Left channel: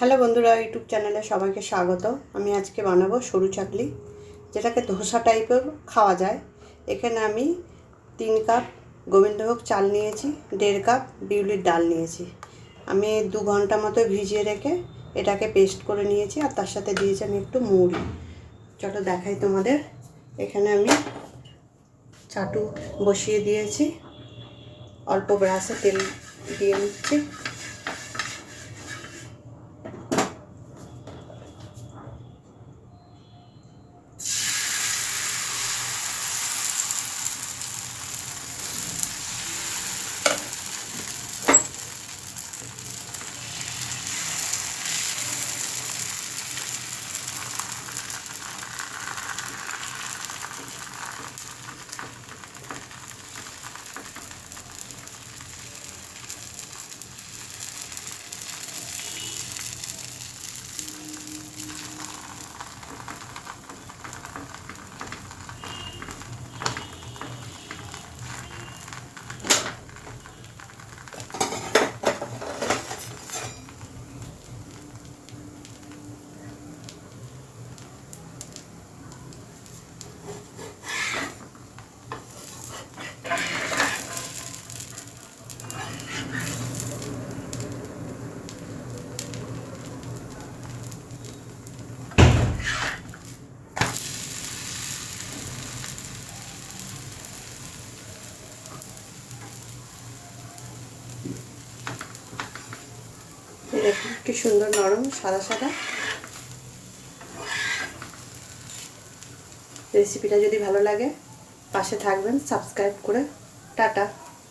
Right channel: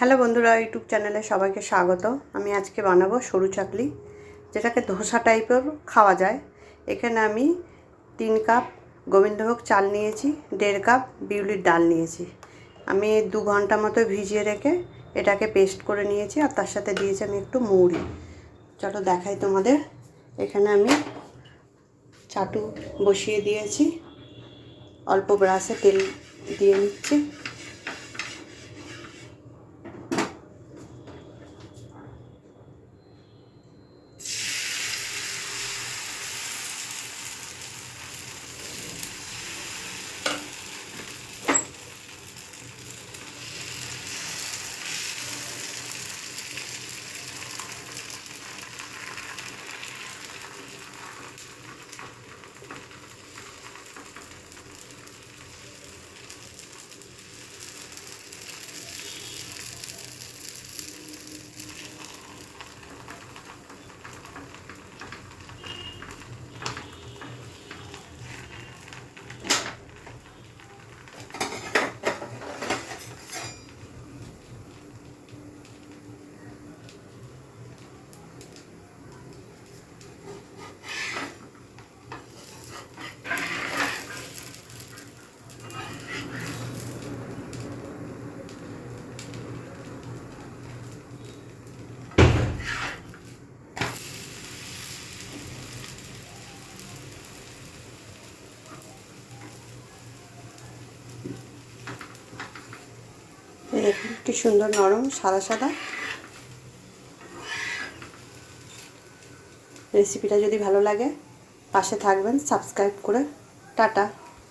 Hello বন্ধুরা, YouTube চ্যানেলে সবাইকে স্বাগত। আমি আজকে বানাবো সরু চাকলি, যেটাকে ধোসা টাইপের খাওয়া যায়। এখানে আমি 3 কাপ গোবিন্দভোগ চাল নিয়েছি, 1.5 কাপ বিউলির ডাল নিয়েছি। আমি 2 ঘন্টা মতো ভিজিয়ে রেখে এটাকে পেস্ট করে নিয়েছি, আর তার সাথে দিয়েছি আমি একটু মুড়ি। চলো দেখাই তোমাদের। এখানে আমি চাটু বসিয়ে দিয়েছি, অল্প ব্রাশে তেল দিয়ে নিচ্ছি। দেখুন কি সুন্দর নরম সাদা সাদা। রেসিপিটা যদি ভালো লাগে পাশে থাকবেন, সাবস্ক্রাইব করে। টাটা।